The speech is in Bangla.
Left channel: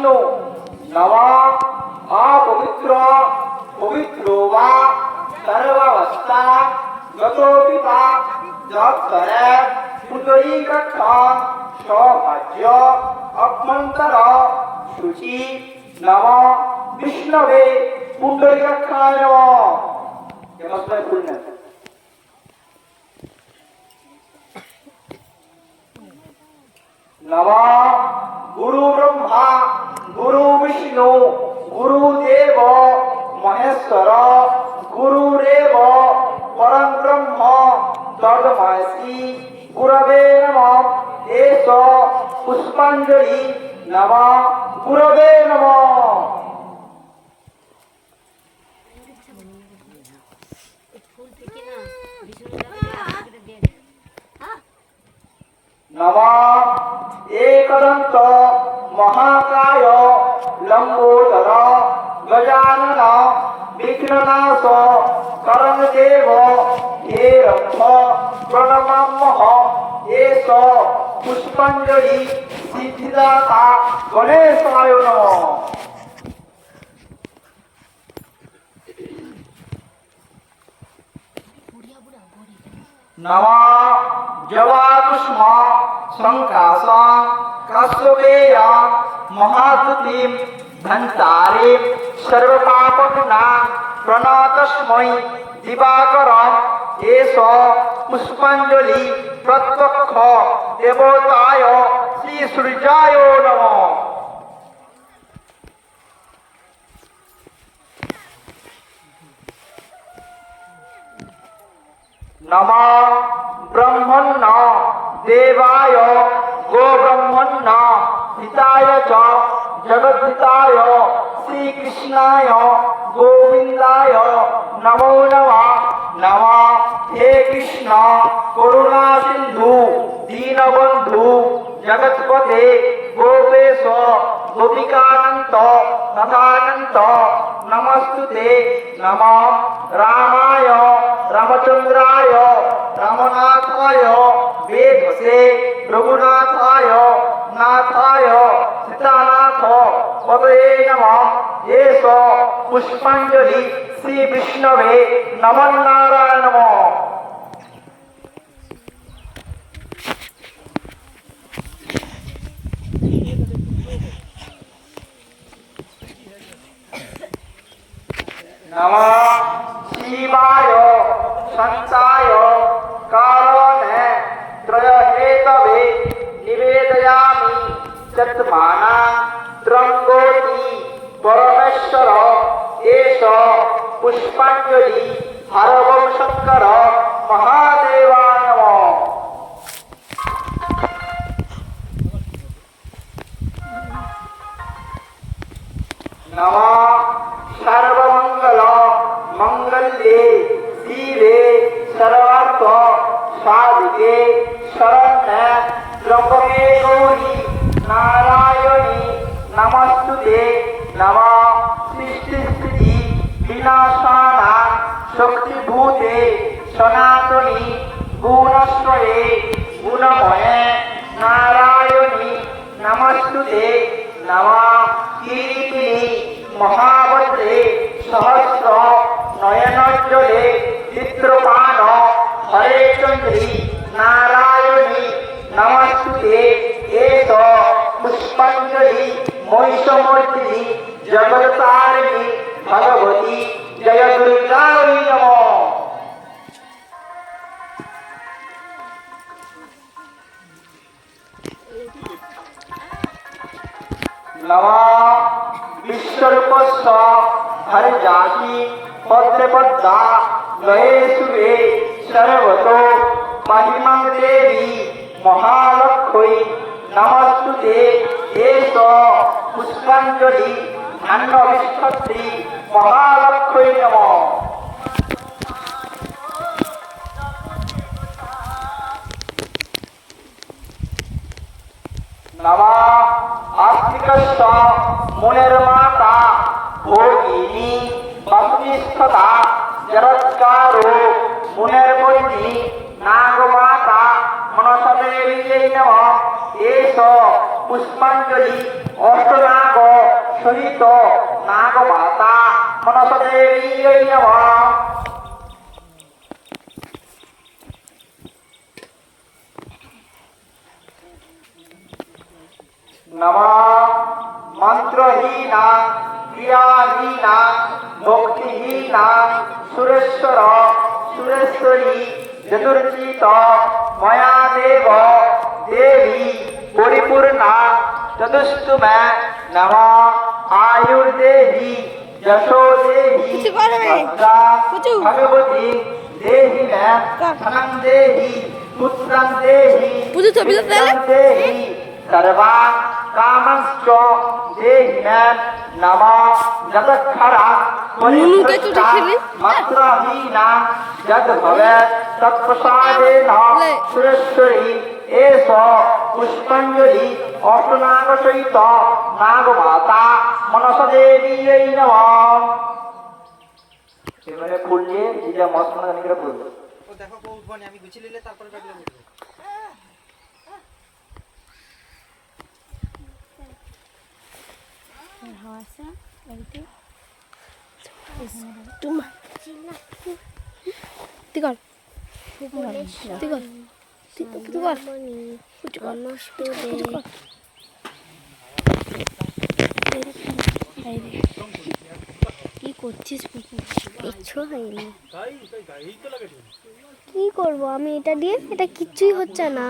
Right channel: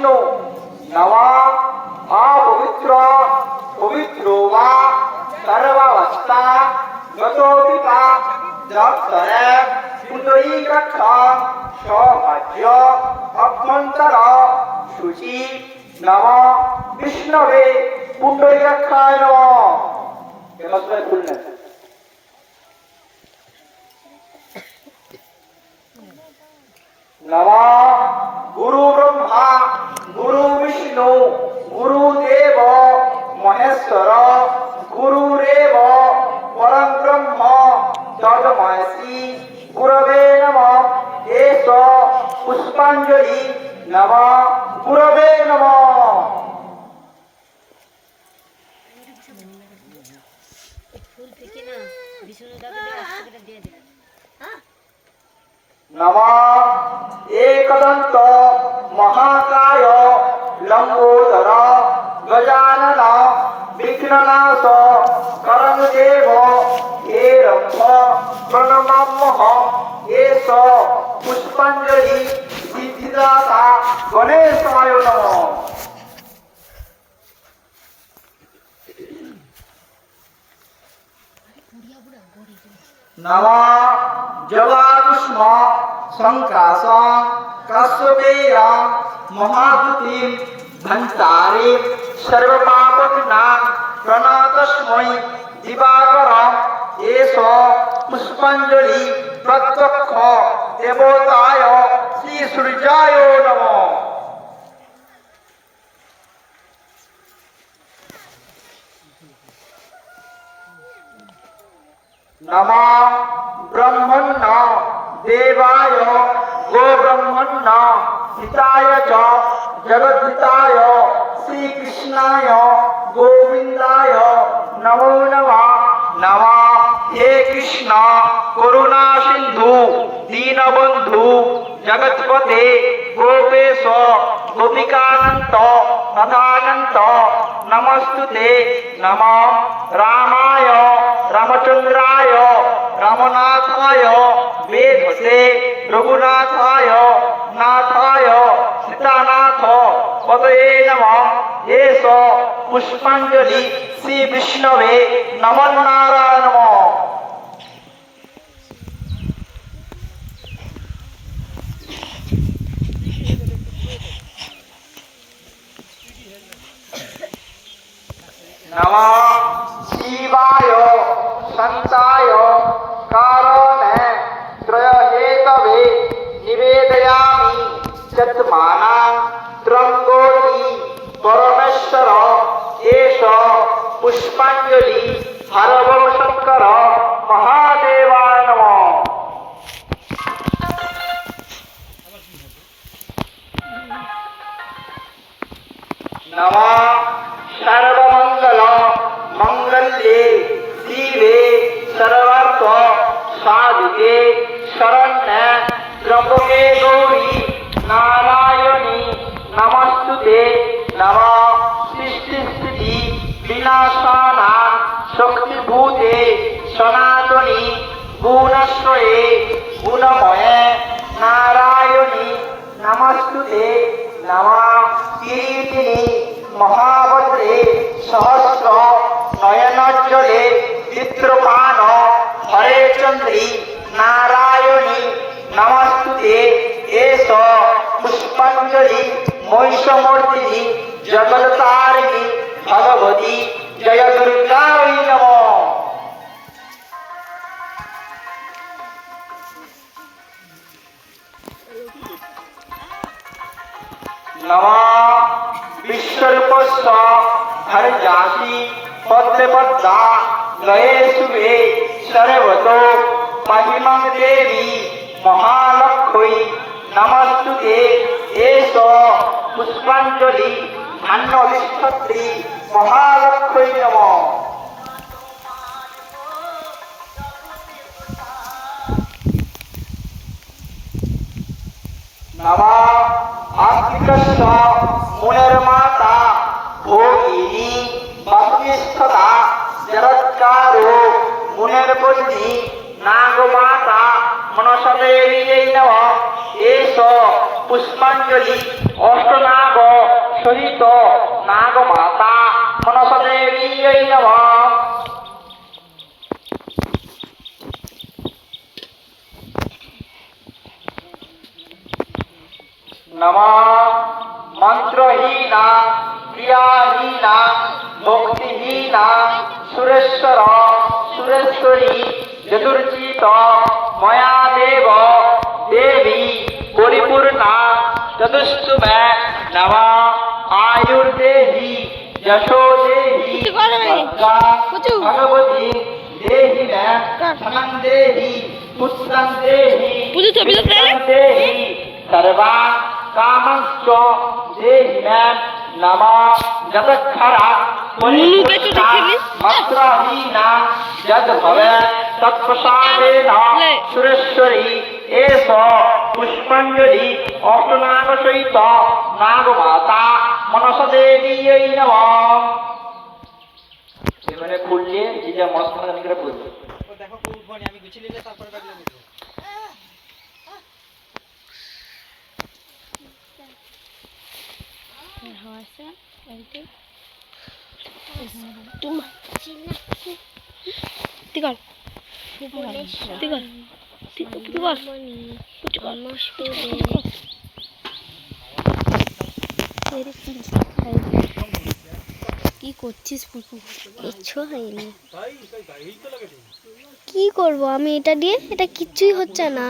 विष्णु नमः अपवित्र पवित्रो वा सर्वावस्था गतोऽपि वा जगत्तरे पुण्डरीकाक्ष सौभाग्य अभ्यन्तर शुचि नमः विष्णवे पुण्डरीकाक्षाय नमः। नमः गुरु ब्रह्मा गुरु विष्णु गुरुदेव महेश्वर गुरुरेव परं ब्रह्म तस्मै गुरवे नमः। एष पुष्पांजलि नमः गुरवे नमः। नमः एकदंत महाकाय लंबोदर गजानन विघ्ननाश करंदेव हेरंभ प्रणमाम्यहम्। एष पुष्पांजलि सिद्धिदाता गणेशाय नमः। नमः जवाकुष्म संकाश काश्यपेय महाद्युतिं धन्तारे सर्वपापविना प्रणतस्मै दिवाकरम्। एष पुष्पांजलि प्रत्यक्ष देवताय श्री सूर्याय नमः। नमः ब्रह्मण्ण देवाय गोब्रह्मण्ण हिताय च जगद्धिताय श्रीकृष्णाय गोविंदाय नमो नमः। नमः हे कृष्ण करुणा सिंधु दीनबंधु जगत्पते गोपेश गोपिकानंद तथानंद नमस्तुते। नमः रामाय रामचंद्राय रामनाथाय वेदसे रघुनाथाय नाथाय सीतानाथ पतये नमः। एष पुष्पांजलि श्री विष्णवे नमो नारायण नमः। नमः शिवाय संताय कारोणे त्रयहेतवे निवेदयामि चत्माना त्रंगोति परमेश्वर। एष पुष्पांजलि हरवं शंकर महादेवाय नमः। नमः सर्वमंगल मंगल्ये शिवे सर्वार्थ साधिके शरण्ये त्र्यंबके गौरी नारायणी नमस्तुते। नमः सृष्टि विनाशाना शक्तिभूते सनातनी गुणस्वये गुणमये नारायणी नमस्तुते। नमः कीर्तिनी महाभद्रे सहस्र नयनोज्ज्वले चित्रपान हरे चंद्री नारायणी नमस्तुते। एष पुष्पांजलि महिषमर्दिनी जगत्तारिणी भगवती जय दुर्गायै नमः। नमः विश्वरूपस्व हरजासि पद्मपद्मा गये शुभे सर्वतो महिमं देवी महालक्ष्मी नमस्तुते। एष पुष्पांजलि अन्नविष्ठत्री महालक्ष्मी नमः। नमः आस्तिकस्य मुनिर्माता भोगिनी भक्तिष्ठता जगत्कारो मुनिर्बुद्धि नागमाता मनसदेवी नमः। एष पुष्पांजलि अष्टनाग দেবীयै নমঃ। নমঃ মন্ত্রহীনা ক্রিয়াহীনা ভক্তিহীনা সুরেশ্বর সুরেশ্বরী চতুর্চিত ময়া দেব দেবী পরিপূর্ণা চতুষ্টুমে নমঃ আয়ুর্দেহি যশো দেহি ভদ্রা ভগবতী দেহি মে ধনং দেহি পুত্রং দেহি বিদ্যাং দেহি सर्वा कामश्च देहि मे नमः जगत्खरा मंत्रहीना यद् भवेत् तत्प्रसादेन सुरेश्वरी एष पुष्पाञ्जलि अष्टनागसहित नागमाता मनसदेवीयै नमः। এবারে ফুল দিয়ে যেটা মস্ত জানি করে ফুল ও দেখো কোন ফোনে আমি গুছিয়ে নিলে তারপরে ব্যাগলে বলবো। কি করছিস? কিচ্ছু হয়নি। কি করবো আমি এটা দিয়ে? এটা কিচ্ছুই হচ্ছে না।